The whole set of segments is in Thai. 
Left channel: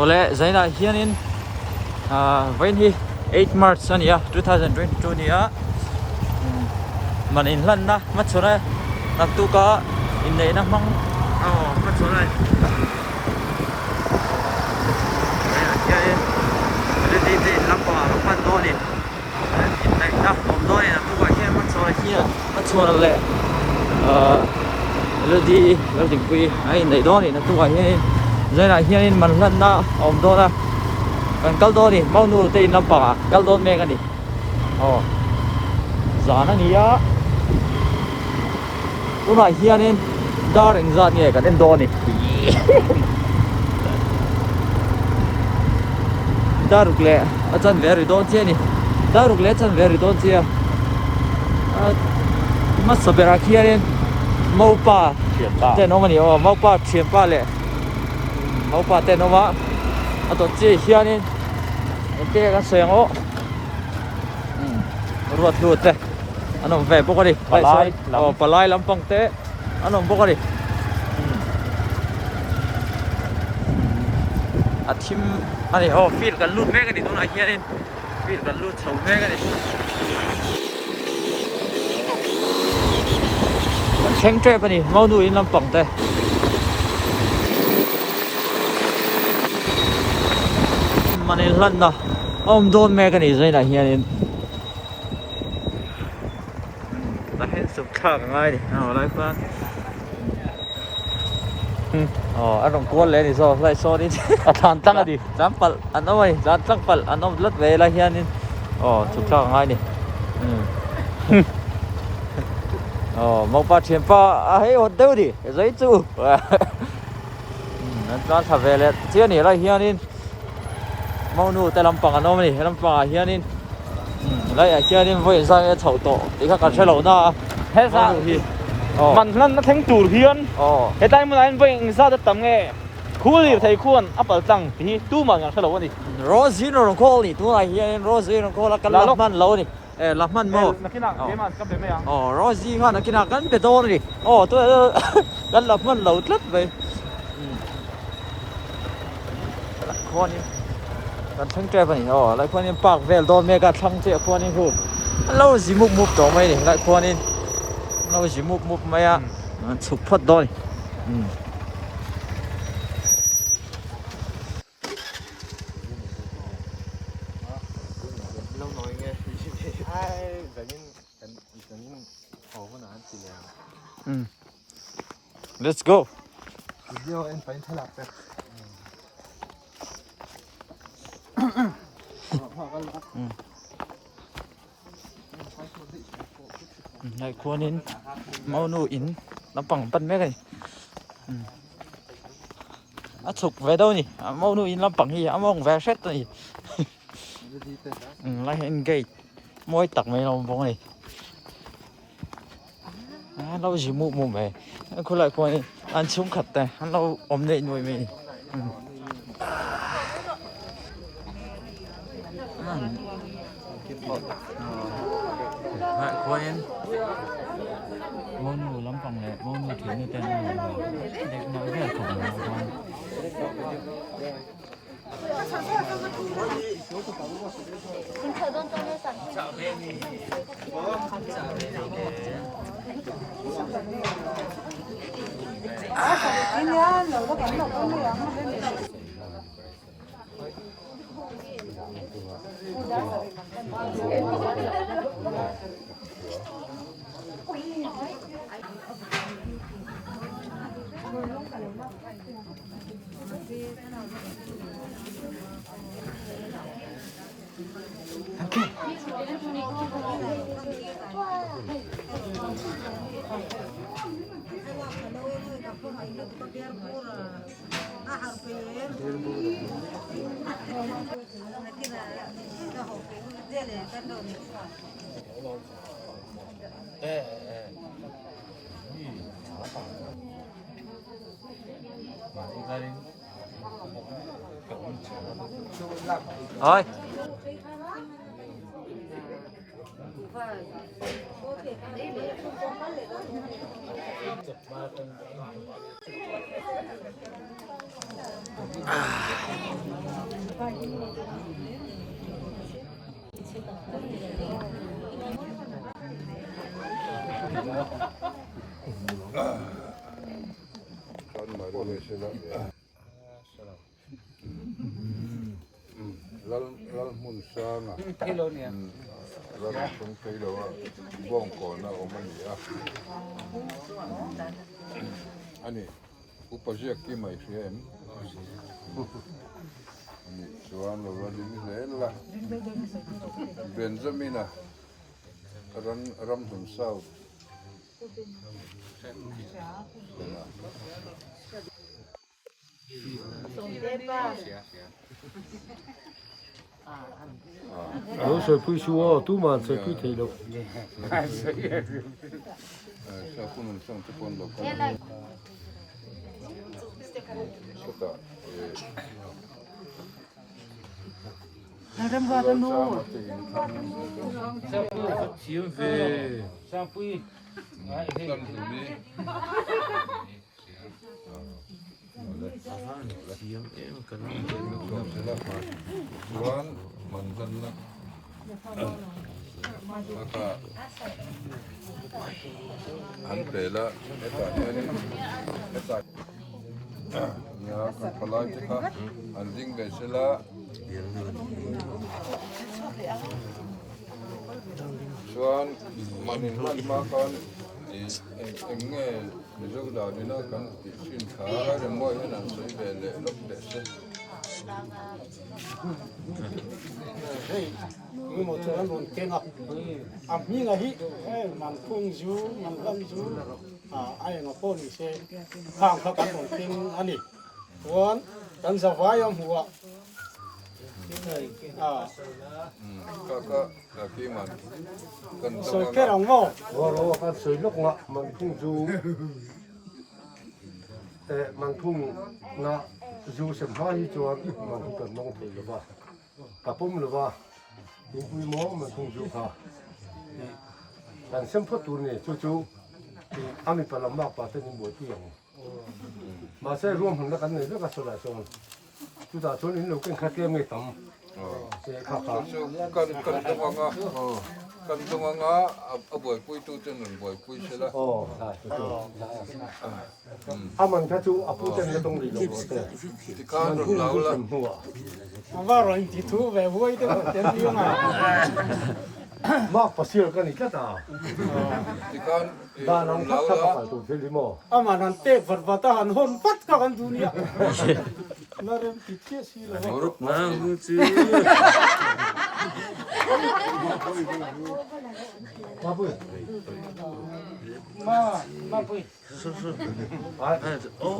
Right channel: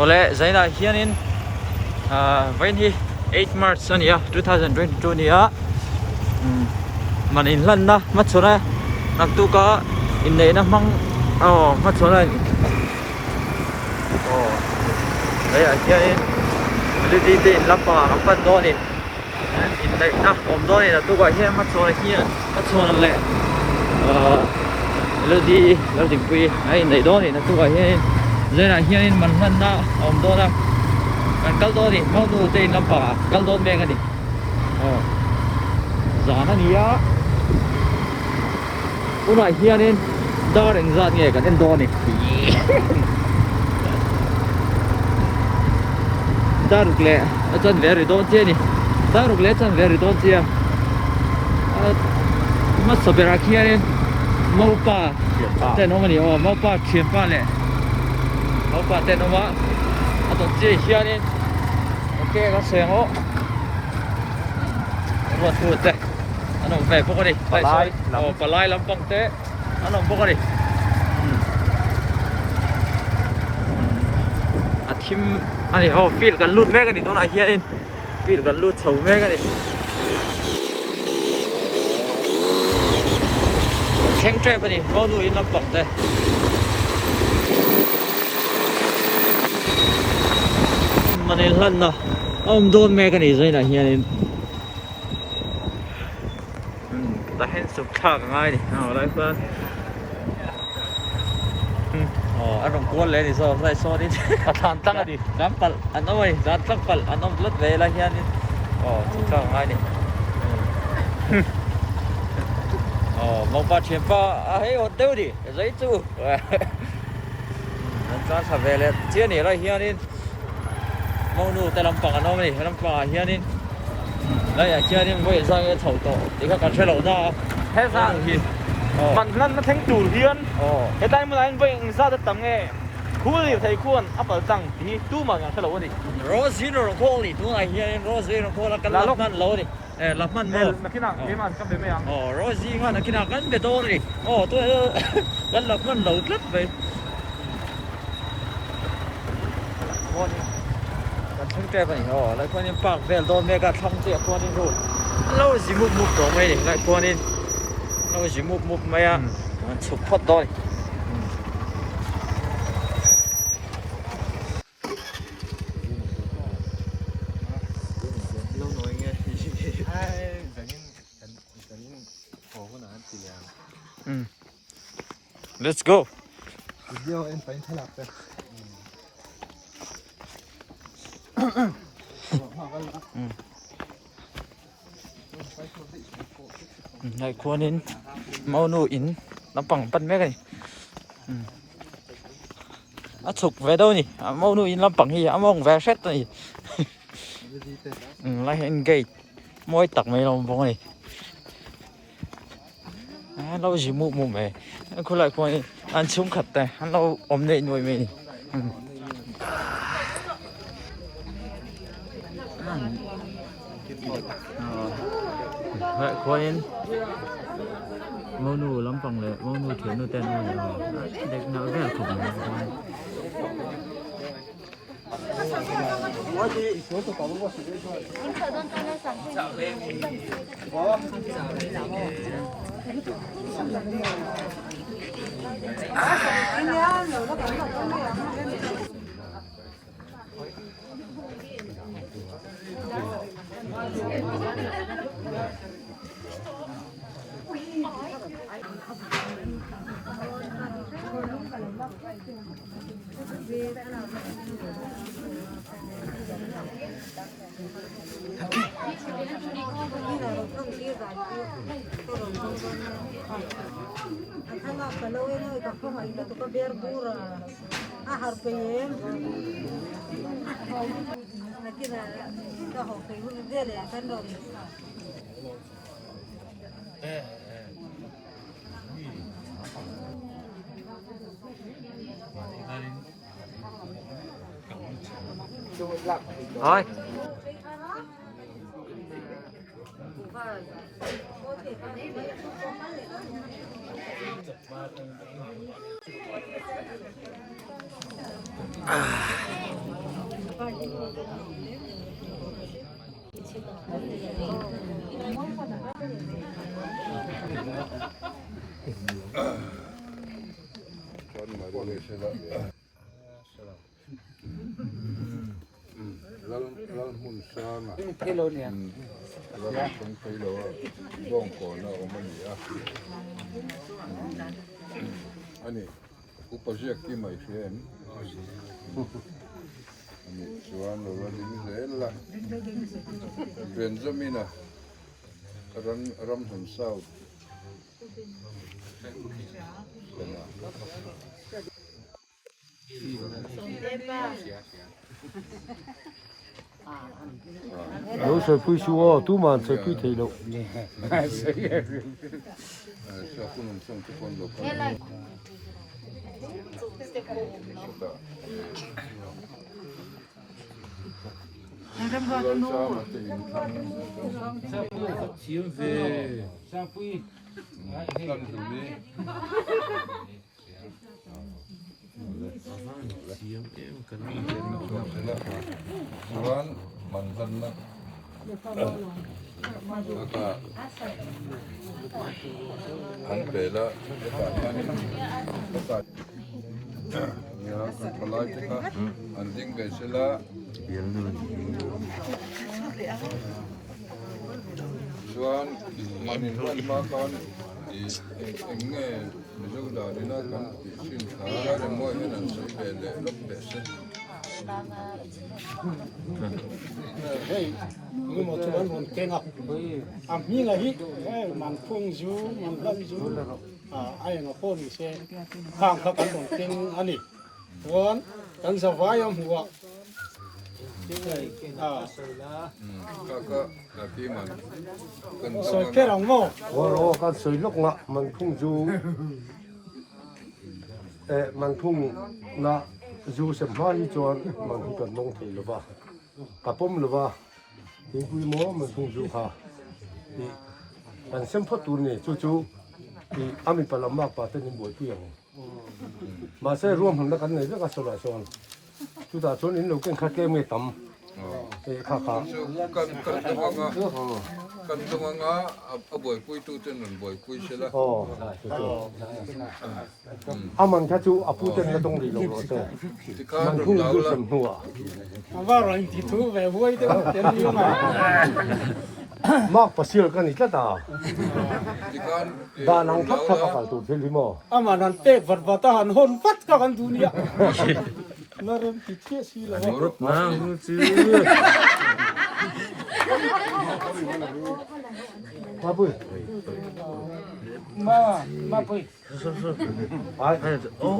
Oleh Zaina hianin vain hi 8 March ania 2022 nia manin lan na machona naktu ka in nei na mang machona ai hianin melodi te lampa kapan do ni in nei na om do ni na tu ka hian machona hian machona le melodi pui ai nei do ni na tu ka hian Zaina hianin man lan na om do na kan kal do ni mau nu te in lampa kal do me ngani zana ni ya una hianin dar in zat nge kan do ni daruk le achan veri don che ni daruk le achan veri don che mas sabera hianin mau pa te no mani mau pa thien pa le mau pa te no ma to che hianin ke ka sengo ruột thế anh ông về bốc đi palai lampang te anh ông bốc đi thím anh ấy feelกันลุดแม่กันดิตัวไหนเฮียนี่ feelกันลุดเฉาแม่กันดิแข็งใจปะนี่เมาหนุ่ยลำปังเต้มันนี่ลั่นนะโดนแม่กันดิใช่ไหมเฮียนี่แต่เห็นสุดข้างง่ายดิอะไรเพื่อนอันนั้นกวนเลยนี่โซ่ไล่โซ่นี่ทานตั้งดิจำปัลอันนั้นไว้จำตั้งปัลอันนั้นลัดเวลาเฮียนี่สุดข้างง่ายนี่มองป้าเชียนป้าเฮ้ยอดเดี๋ยวดิใจจู่นั่นการทำเวลาเจ้านี่ไรเฮียนี่มองนู่แต่ลำปังอันนั้นนี่ลำปังเฮียนี่ไรเจ้านี่ไม่สร้างไอ้เฉาโตที่เขาการใช้เหล่าน่าเฮ้ยสัมันนั่นแข็งตูดเพี้ยนเฮ้ยได้เมื่อไหร่ไปอินซาจะตั้งไงคู่รีไทยกวนอัปเปอร์จังที่ตู้มันกันเขาบอกว่านี่โรซี่นรงโคนี่ตัวไหนเฮียนี่โรซี่นรงโคแล้วกันลับมันเหล่านี่รับมันมั้งนักกีฬาเกมก็เป็นไม่ยังโรซี่ก็นักกีฬากันเป็นโดนดิตัวกันรับมันเหล่าลัดไปคนนี้กันทั้งใจไปนี่แล้วคนนี้ปากเวลโดนเมกาทั้งเจ้าคนนี้คือเราสิมุกต่อไหมนี่แล้วคนนี้เราสิมุกไหมอ่ะมันสุดพอดด้วยLet's go เดี๋ยวเอ็นไปถลักไปในครัวนี้เมาหนูอินน้ำปังปั้นแม่กันสุกเวดนี่เมาหนูอินน้ำปังฮีมองเวเซตนี่ไล่เห็นเกยมวยตักไม่ลงพงนี่เราจิมุมไปคนละคนอันชุ่มขัดแต่เราอมเนยหน่วยไม่คนนี้มอนูล้ำปังเลยมอนูเถียนนูเต้นนูเด็กนักเรียนของคน เอ้ยLal mun sana. Kilo niya. Lal kung kilo buong ko na umaniya. Ani, upajia kima ifiem. Ani, suano rading zela. Benzamina. Ram hunsaw. Kana. Lỗ sợi phui xua tu mà sợi phui thầy đâu. Sa punong sang tukon lo kana. Lal sa matingin. chiếm về sang pui Kan duni. chiếm em cần Orang mantan na. Saka han pela eta yani. Ya kan palagi ha anding be sila. Chuan manin ma kan enge mizu da dina kan tin kha le mo ne nan sai be le lok de se. Hey, ni mo tuan mon kenga. Am mi nga hi, man phung ju, man lam ju. Ai nga pon ni se. Khang kha kan dong king ani. Tuan kan za vayam huwa. Kaka kaki man kan Soi kerang mo. Qua đó con sợi lốc ngạ mang thung du. Mang thung na du xem hoa hi chuan mang thung cần nông thầy lo ba. Cả bom lo ba. Những quy mô mang thung du ha. Bạn xem phốt tu này chú thì ami palam mak pa tên buổi tiệc. Mà sẽ rùm hẳn là cái này rất là sôi lại son. Chú ta chốn đến lâu cái khát kem nghe tắm. Khá khá. kan tumanga aboy pui tu chen boy pui sila. Aman ka chu apu chen ka dong li lo te. Ti kan Thung lau du la xem hua. Am va rồi thì thu về vui thế một tiếng như mà. Mak pa sil ka ni ka ta. ti kan Ba nang thak ka ka tu thil mo. Am mà nan te vật vật ta hàn hôn phát cả con dunia. Nó rem thì thiết xí là moro mang chứ Ma pui. mà vui. Ai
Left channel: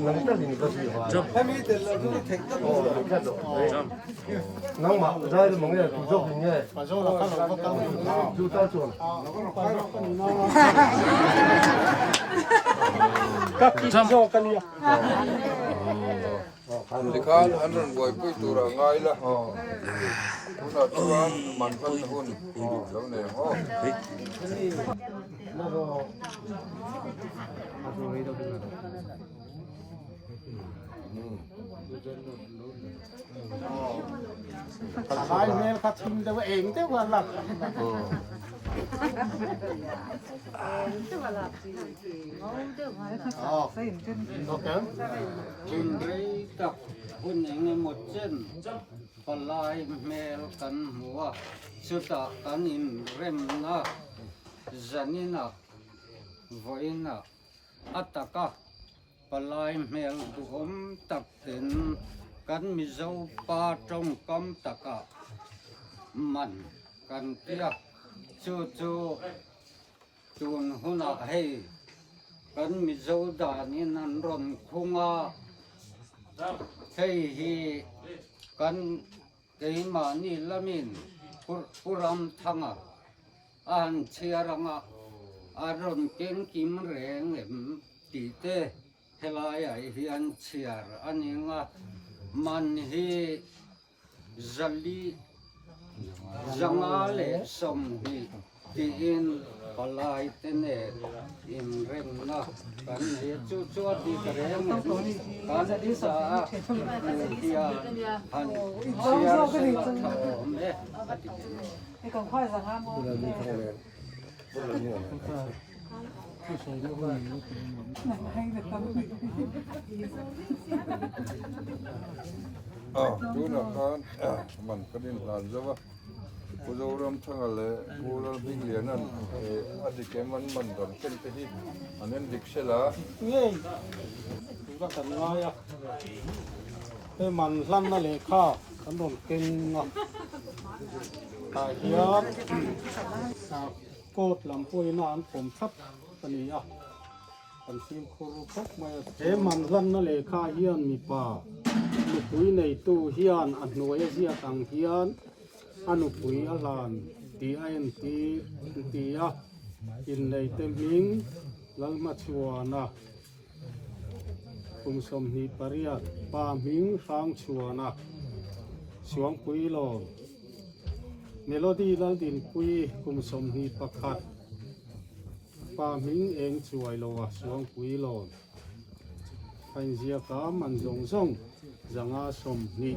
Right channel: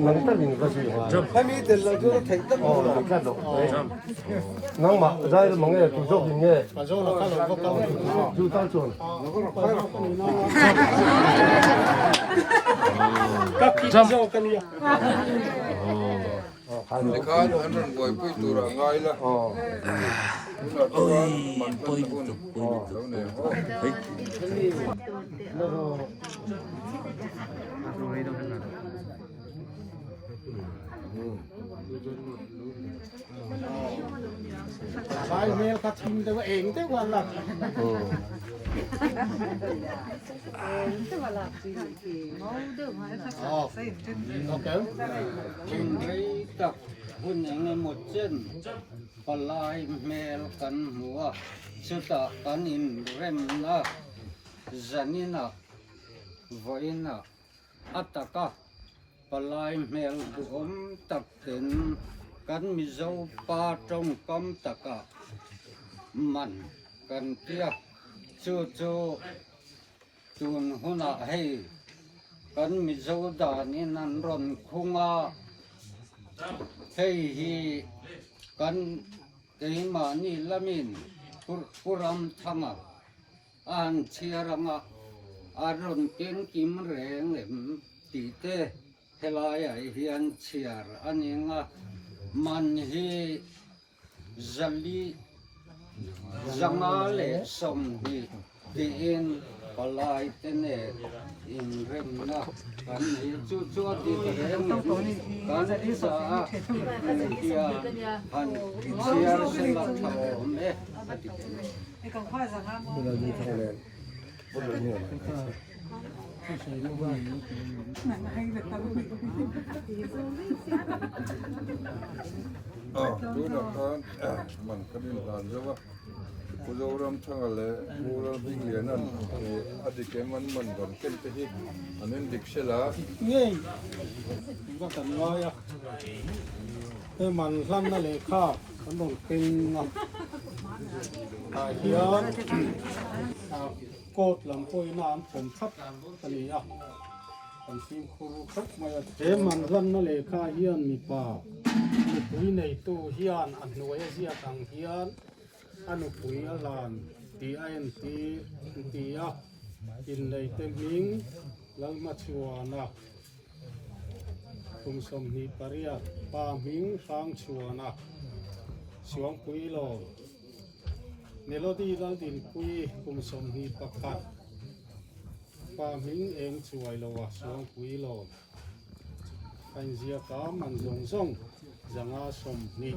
nang ta ni ka si hoa. Em đi từ lâu rồi thấy tất Oh, ka do. Nang ma dai lo mong ye tu jok ni ye. mà do là các loại có cao. Du ta chuan. Các kỹ do cái gì? Khai ti no. kan anon boy pui tu ra ngai la na chuan man kan hun lo ne ho Khai mel các team đâu eng thế quan lạc. Okay. Hun rei tak hun enge một chân palai mel kan hua chuta kan in rem na zanina voina ataka palai mel duom tak ten kan mi zo pa trong kam taka man kan tia chu chu tun huna hei kan mi zo da ni nan ron khunga hei hi kan ke ma ni lamin puram thanga an chiaranga aron ken kim reng lem ti te helai ai hian chiar aninga man hi zali zangale som hi tiin palai tene in rem na kan hi chu chu di rem kan sa dia han chia se la thao me ati tu na kan man kadin lan zawa ku zo ram changa le ku ra big lian an adi ke man dan ken te hi anen dik sela ngheก็กันน้อยอ่ะแต่มันลั่นนั่นเลยข้าวกันโดนเก่งอ่ะเฮียโกดลำปุยนานผมทับตันนี้อ่ะกันซิมคูครับมาเห็นมันลั่นนั่นเลยข้าเฮียนมีป่าลูกปุยในตู้เฮียนอันหน่วยเสียตังเฮียนอันลูกปุยอลานตีไอ้ตีอ่ะกินในเต็มมิงแล้วมาชัวนะคุมสมนิปริยัตปามิงฟังชัวนะสวงปุยโลเมโลดี้แล้วดินปุยคุมสมนิประคัดปามิงเองช่วยโลวะสวงปุยโลปัญญากามันจงทรงจังอาสมนิ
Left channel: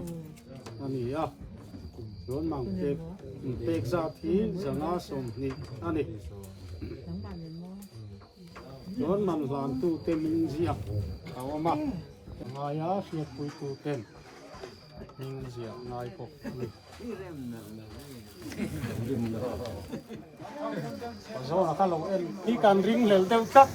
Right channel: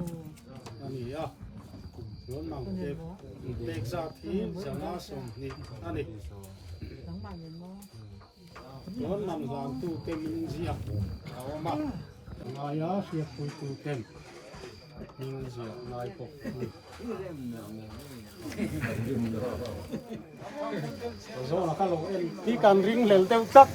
อันนี้อ่ะส่วนมังเด็กจากที่จังอาสมนิอันนี้ส่วนมันหลานตู้เต็มมิงเสียเอามามายาเสียปุยตู้เต็มมิงเสียนายปกนี่โซ่นะครับเราเอ็นที่การริงเหลวเต็มจัก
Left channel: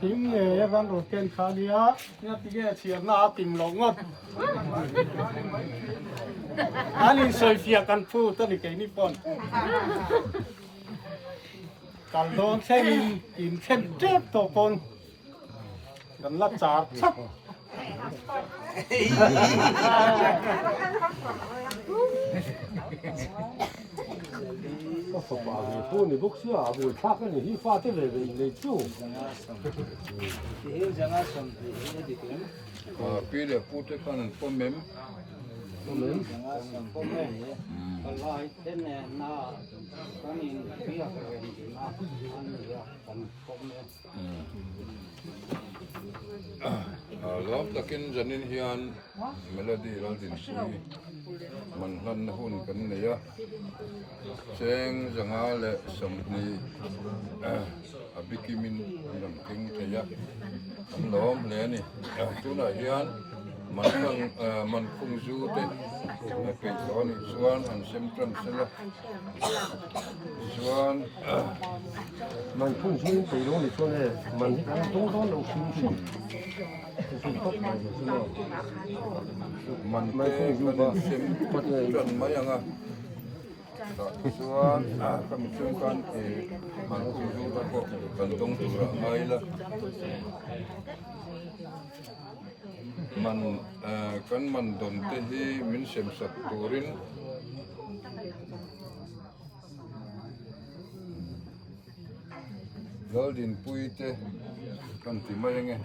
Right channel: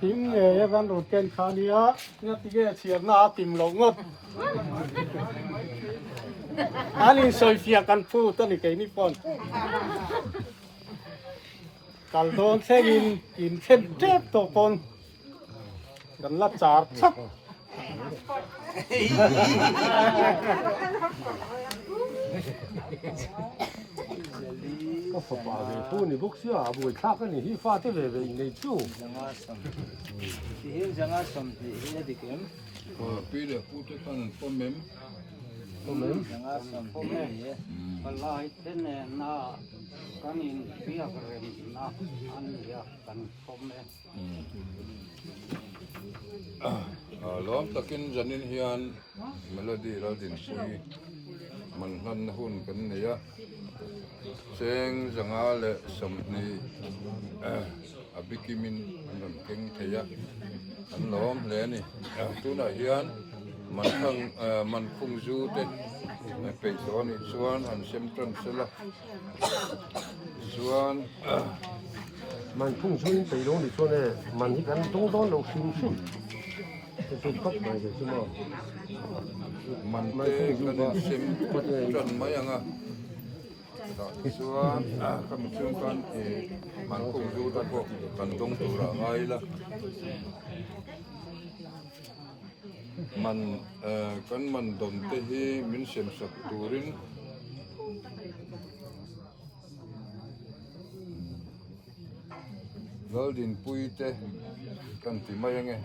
หิมเนี่ยกันรถเก๋งคันนี้อ่ะเนี่ยที่แกเชียร์หน้าติ่มหลงอ่ะอันนี้สวยเฟียกันพูดตัวนี้แกนี่ปนกันโดนเส้นกินเส้นเจ็บตัวปนกันละจาดชักก็ฝากเลยพูดนี่พวกเสื้อบุยทักกันนี่ที่ฟ้าที่เลยในจู่ ที่จังอาสมที่นี่ดิคุณ pi de pu te kan po mem จังอาสมพ่อแม่เนี่ยpalai tene na kanin pia rem na an ya kanพ่อแม่ lom takin janin hian melody lo din pui man han hun kan ne ya cheng janga le somni abikimin andam king thaya an lom le ni tuna hian man khung zu te pe zon zuan an sem tran sela zuan มันพุ่งช่วยไปลงในช่วงนี้มันที่กันต้องต้อนเราชิมจะชมครบไปจะสมอง man te kan sem tran mayanga suan kami sungkan man khung zu ta ko kan dong tu ra ngai la man kan man don te hi min sem sat turin Galdin pui te kan ti mayenge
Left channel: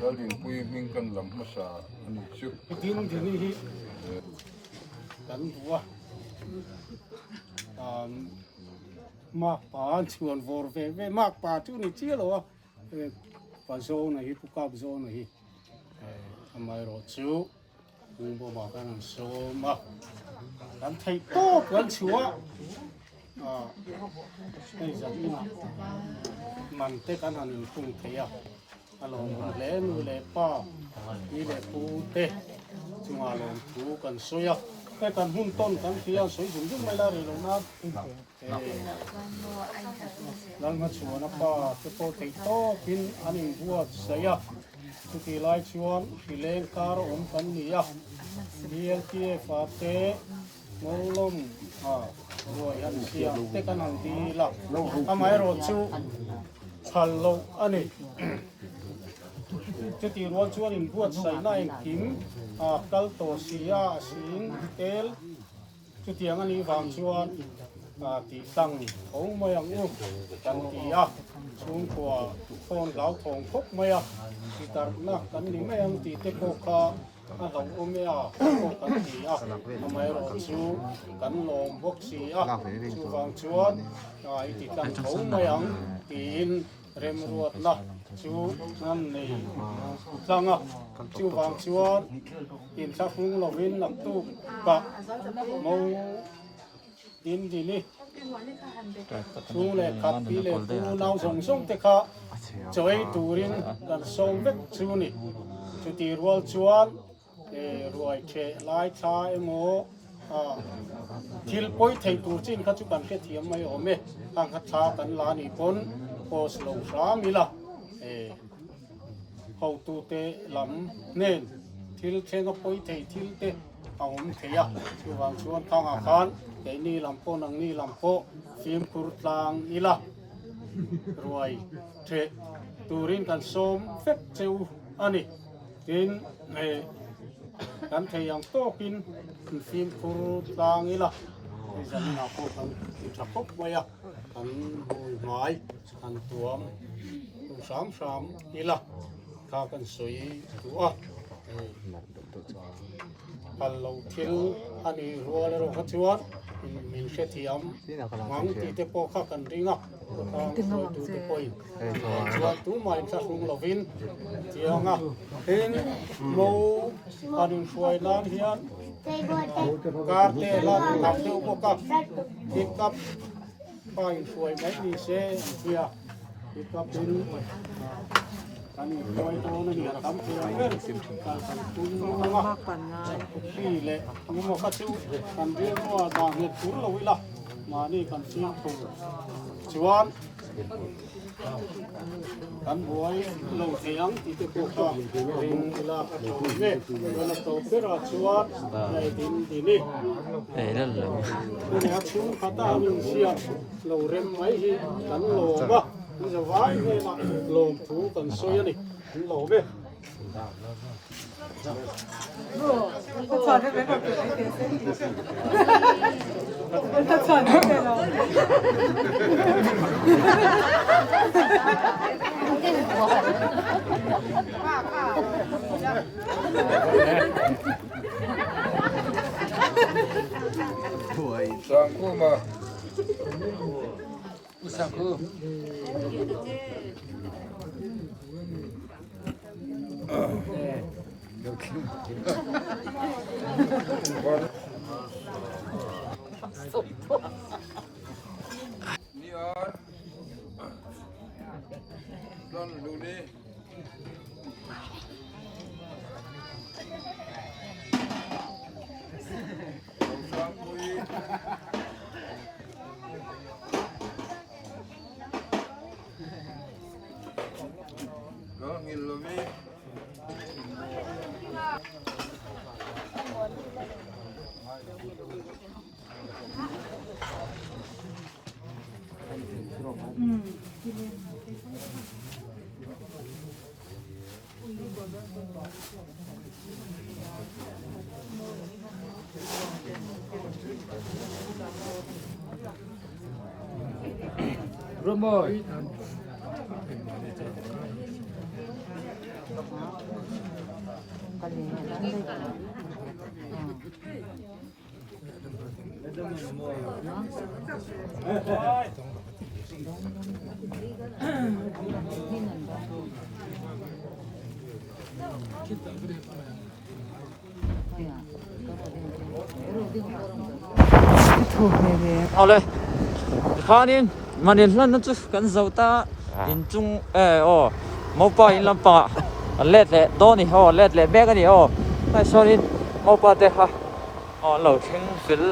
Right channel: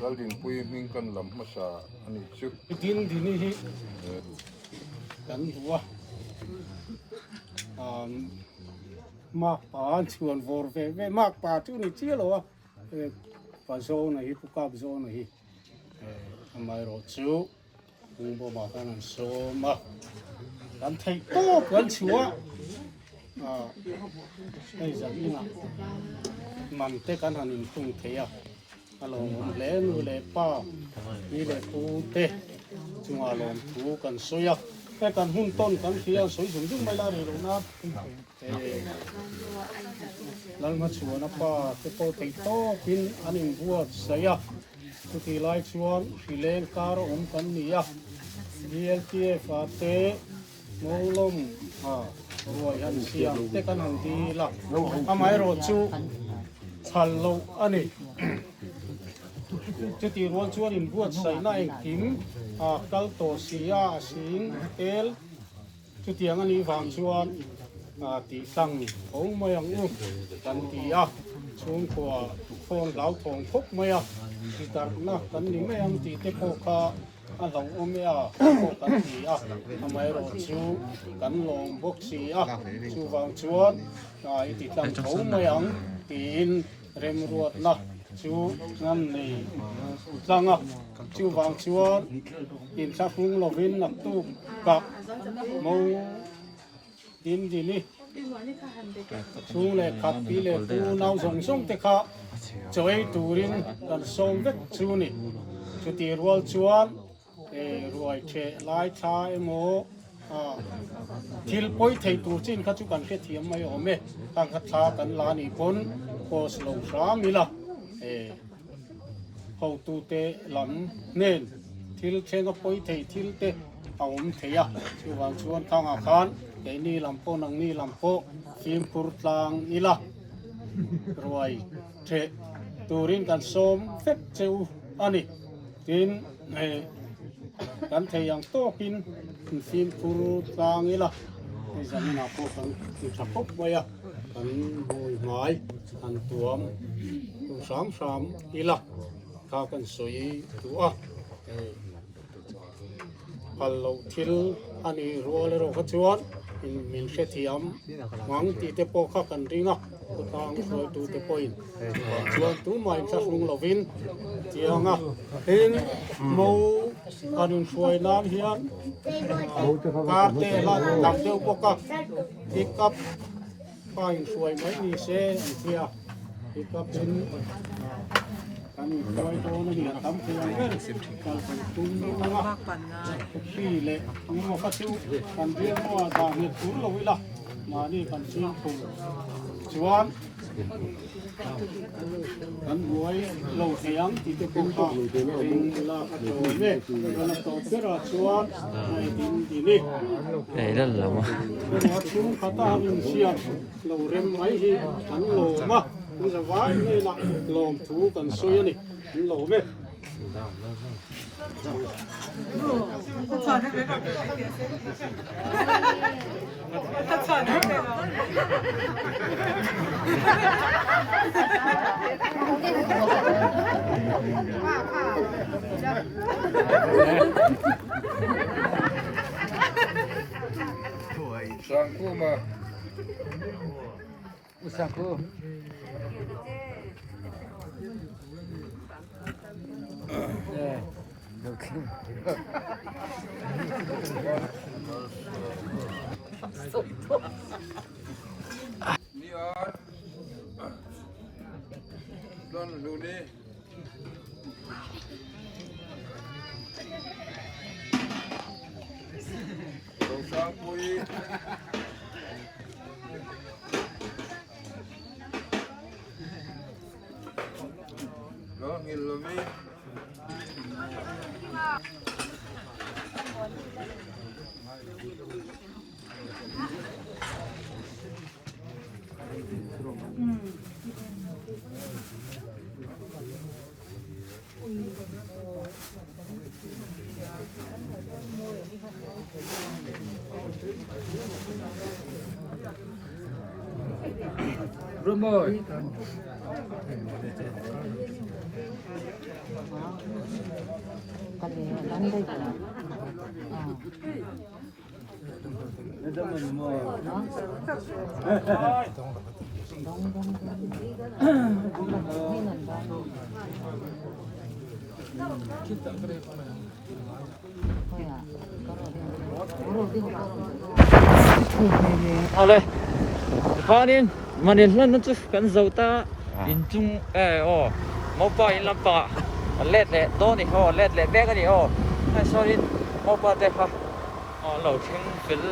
Galdin pui min kan lam masa ani chu กินที่นี่กันหัวมากป่าชวนวอร์เวมากป่าที่นี่เชี่ยวหรอป่าโซนนี่ผู้กับโซนนี่ทำไมรถชูมึงบอกมากันนั่นโซมากันไทยโต้กันชัวไอ้จังนี่นะมันเตะกันหันอินทุ่งเทียบอารมณ์เล่นเล่ป้านี่เล่ปูเตะจึงอารมณ์ถูกันสวยแต่กันหุ่นต้นกันเทียสวยสมจึงไม่ได้เลยนะหลังมาชวนป้าเตะโปเตะโต้กินอันนี้บัวเสียสุดที่ไล่ชวนฟิเลนการอมกันนี่ดีเอลทีเอฟเตะงงลมรวยอันเสียเตะกันหันดีละทำไมรถชูฮัลโหลอันนี้จะตีรวนชวนอินบวชใส่หน้าเองกิม กัลโตเซียสิงเอลจุดเทียงอันนี้ฟังชวนตีสังเขาไม่ยังอุ้มกันตีช่วงขวาคนเหล่าทองพกไม่ตีตัดนะกันนี่ไม่ยังตีเตโกคาเราอุ้มไม่พกกันตีทำไมเราชูกันลงพกสีชูฟังชวนตีตังเขาไม่ยังตีนเร็มรวดนะชูนั่นนี่สังชูฟังชวนอินสักฟุงเราวินนับตู้กับมูอินดีนี่ชูเล็กขับปีเล็กตูนาวส่งส่งเตะขาจอยตูรินกันส่งเวกชูนี่ชูตีรัวชวนรวยเชลายชาเอโมทิลปอยไทยตูจินขัดจุกันแค่เทียมไม่อมตั้งขัดชากันลานีปนโพสลงสามีละเขาตูเตลำเน้นทิลเชงก็ปอยไทยทิลเตเอาอมเทียชูวางชวนข้างอาคารไอ้นี่ลำโพนังนี่ลำโพฟิล์มคุรตางอีละรวยเทตูรินกันส้มเฟกเซวอันนี้กินกันเทียงโตกินฟิล์มคุรตางอีละนี่จะน่าพอกันจะพบไว้กันโวยไม้กันตัวสามอีละข้ากันสวยตัวพัลโลทิลอันนี้รัวเลยเราขัดชวนมินเชติยมหวังตีเตโปข้ากันริงก็ทางสวยตูเตโปอินชวนตูมาอินสักลุงลวินเจียงเองมูอันนี้สวยนานเฮียนการเตะลัดทำเดียวก็กับติดกับไปสวยไหมนี่เสียเพียติดกับเป็นกันนี่สวยโตนั่นนี่ทำเพียงเป็นการส่งตุ้งนะปีเล็กทั้งหมดก็ชิวกันเรียกว่าดาวเห็ดตุ้งเราวิละมานี่กันชิวตุ้งชวนกันบวยลงเสียงที่จะพูดก็ริงละตัวเมฆกันโตเพื่อชวนในดินที่นี่นั่นแหละมั้งเราชูขัดตาหนึ่งเชียงเราเริ่มไม่ฮีกันโลมคุณจะว่านี่ละโลมถูกันสวยนี่โลมเมฆสังคูมาสังคูนี่ตอนดูนี่เราสร้างปุยก็งินเราไม่รู้มั้ยเอาเลยข้านี่มันเดินลั่นนั่นจุกันเจ้าตาอินจุงมาป่าอินลำป่าเล็ดเล็ดตัวนี่เล็ดเล็ดแบกกันนี่ไอ้ส่วนนี้มาป่าเตะเราเชิงฟิล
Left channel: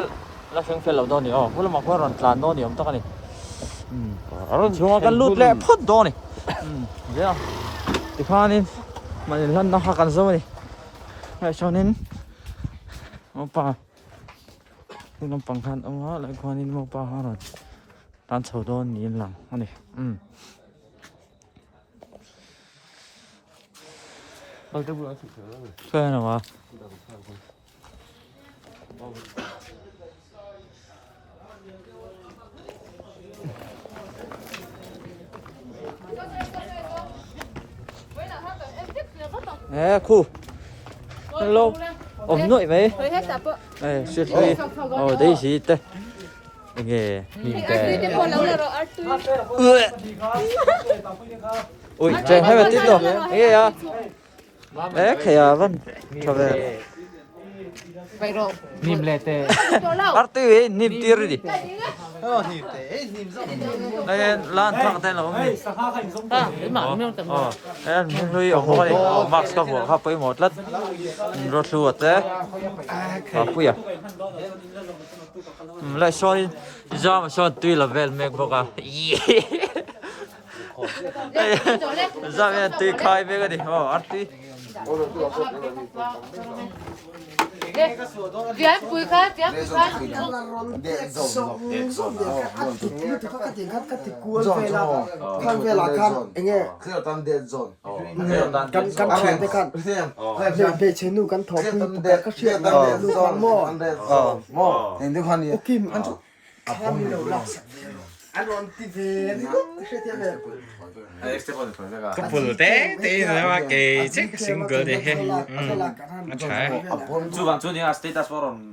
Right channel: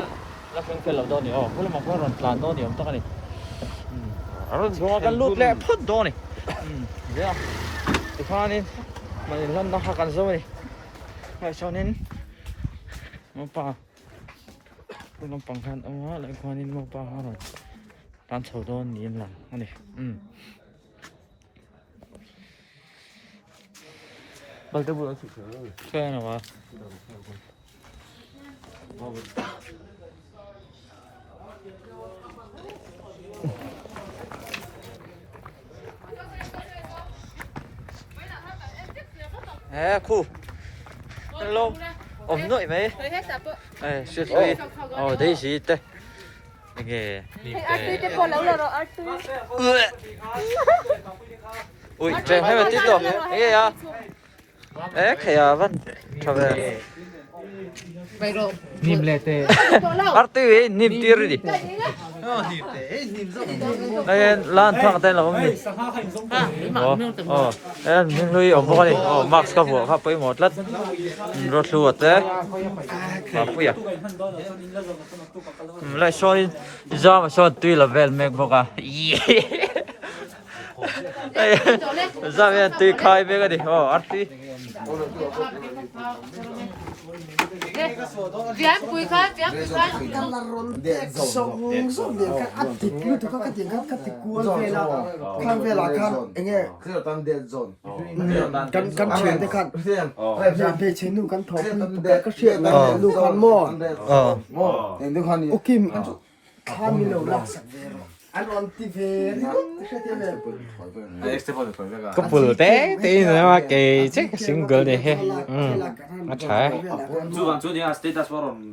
เราเชิงฟิลเราตัวนี่พวกเรามาพวกเราจานตัวนี่มันต้องกันนี่ช่วงกันลุดเละพัดตัวนี่เดี๋ยวข้านี่มันเดินลั่นต้องหากันเจ้านี่ไอ้ส่วนนี้มาป่าคุณลำปังคันเอามาแล้วคนนี้มาป่าหาเราร้านเช่าโดนนี่หลังอันนี้ bác tới buổi chơi nào mà khu hello ổn nội mấy này xuyên đi đây gì đây nghe nhìn cái ui trời hay là tiếp rồi ấy à đấy khay à vân cho về nim le te arti ấy nim tir đi đây lan thang tên là không nhỉ em nuôi ở mua đi max cái bộ khắp với một lát rót luộc thế à bùi à lại soi ra mà soi tuy là vel meg boca ra về tuy khai về cái đi arti Vian cùi khai, vian cùi khai. Kan chuyện thế kan. Giờ về trên nu kan thọ cái chuyện này nu kan mò. Kim. có bự té tí nữa mà cái chắc single này he nó trái Chú đi à status forum